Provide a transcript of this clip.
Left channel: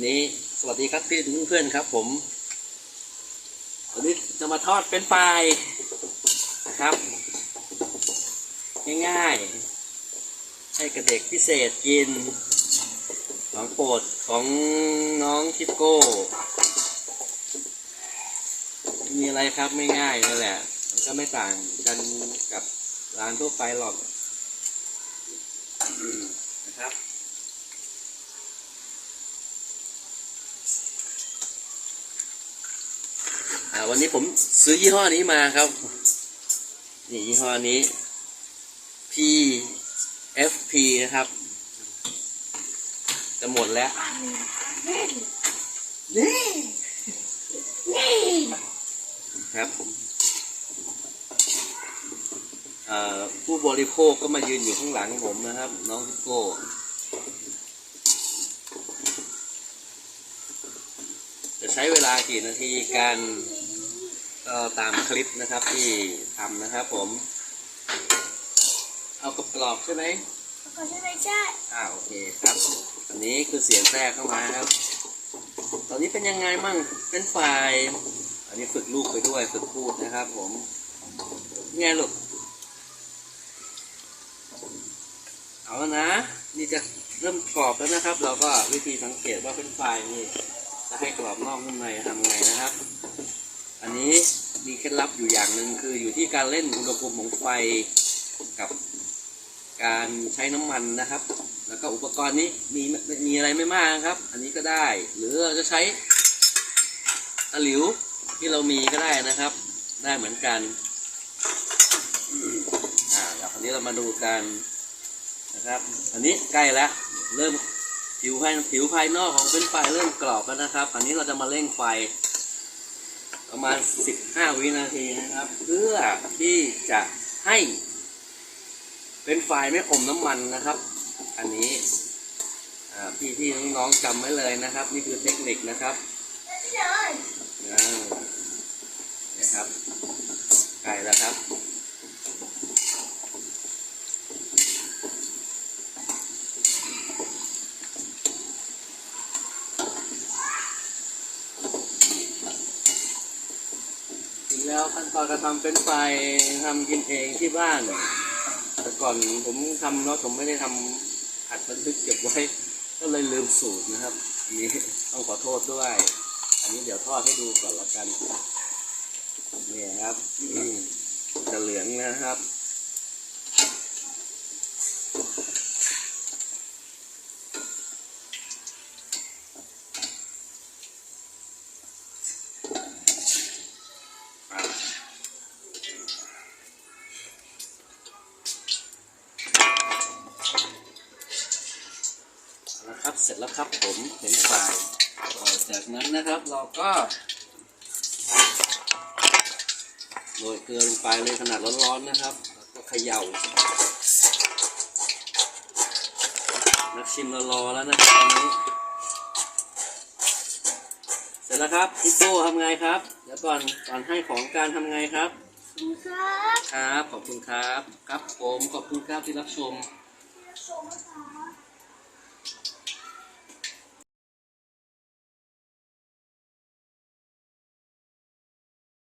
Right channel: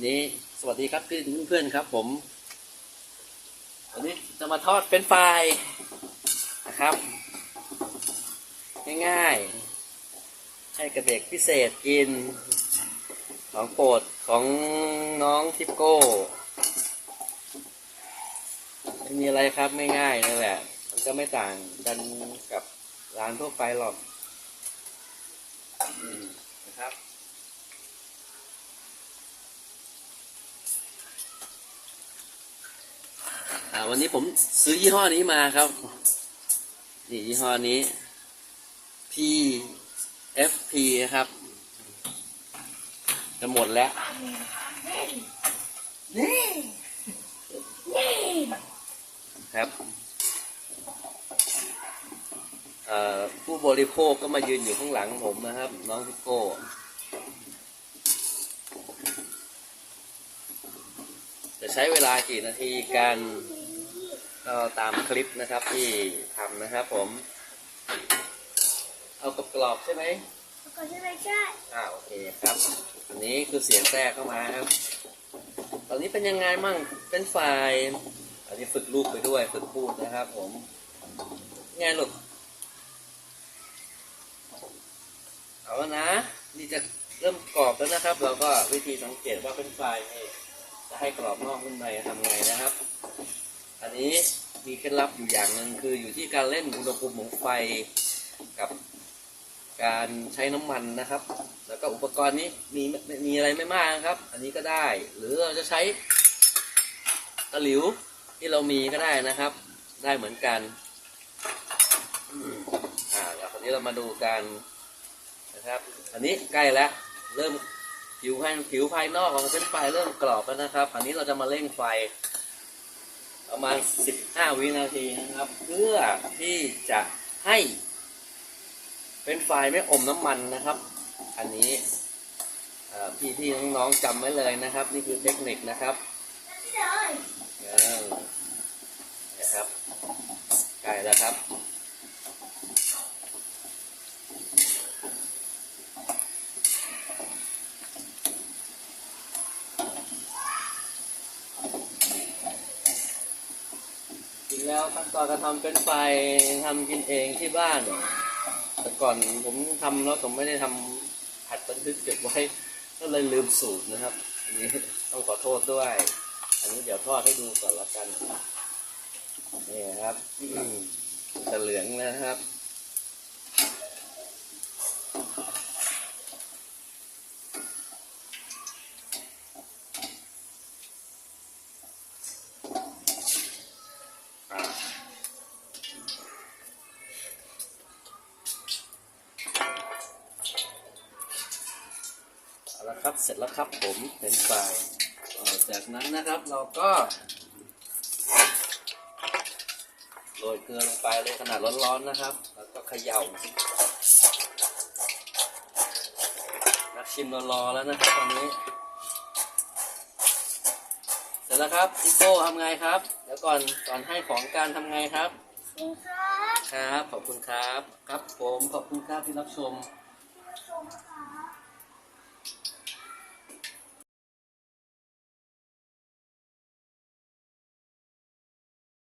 วันนี้สวัสดีครับพี่เพื่อนครับ ผมวันนี้จะมาทอดเป็นไฟนะครับ ง่ายๆ ให้กับเด็กพิเศษกิน ของโปรดของน้องทิปโก้ไม่มีอะไรครับไม่ง่ายนั่นแหละมันก็ไม่ต่างกันกับร้านทั่วไปหรอกนะครับ อ่า วันนี้ผมซื้อยี่ห้อนี้มาครับ นี่ยี่ห้อนี้ PFP นะครับ จะหมดแล้วครับผู้บริโภคก็มายืนอยู่ข้างหลังผมนะครับ น้องพิโก้ จะใช้เวลากี่นาทีการก็ตามคลิปนะครับที่ทำนะครับผม เอากรอบๆใช่ไหมก็ใช่ไหมใช่อ่าโอเคครับ อันนี้คือเสียงแทรกเข้ามาครับ ตอนนี้เป็นยังไงมั่งเป็นไฟล์อันนี้ฝึกลูกไปด้วยฝึกพูดนะครับ ผมไงลูกเอาแล้วนะ นี่จะเริ่มกรอบแล้วนะครับ เราก็วิธีสังเกตว่าเป็นไฟล์นี่ จะให้กรอบนอกนุ่มในทำไงนะครับ อันนี้มีเคล็ดลับอยู่อย่างหนึ่งคืออยู่ที่การเล่นอุณหภูมิของไฟกับการใช้น้ำมันนะครับ แล้วก็อุปกรณ์นี้มีมีอะไรไม่มากนะครับ อันนี้ก็ได้ หรือเราจะใช้ตะหลิวที่เรามีก็ได้นะครับ ได้เหมือนกันอ่าแล้วคราวนี้เรามาดูกันนะครับ อันนี้ใกล้แล้ว เริ่ม ผิวภายผิวภายนอกของเป็นไฟเริ่มกรอบแล้วนะครับ อันนี้เราจะมาเร่งไฟ ประมาณ 15 วินาทีนะครับ เพื่อที่จะให้ เป็นไฟไม่อมน้ำมันนะครับ อันนี้พี่ที่น้องๆจำไว้เลยนะครับ นี่คือเทคนิคนะครับเลยนะครับใกล้แล้วครับ แล้วขั้นตอนการทำเป็นไฟทำกินเองที่บ้าน แต่ก่อนผมทำแล้วผมไม่ได้ทำหัดบันทึกเก็บไว้ ก็เลยลืมสูตรนะครับ อันนี้ต้องขอโทษด้วย อันนี้เดี๋ยวทอดให้ดูก่อนละกันนี่ครับจะเหลืองนะครับ เอาละครับ เสร็จแล้วครับผมเป็นไฟล์อ่าจากนั้นนะครับเราก็โรยเกลือลงไปเลยขนาดร้อนๆนะครับ แล้วก็เขย่านักชิมเรารอแล้วนะครับตอนนี้ เสร็จแล้วครับพี่โก้ทำไงครับ เดี๋ยวก่อนก่อนให้ของการทำไงครับคุณครับ ครับ ขอบคุณครับ ครับผมขอบคุณครับที่รับชมชม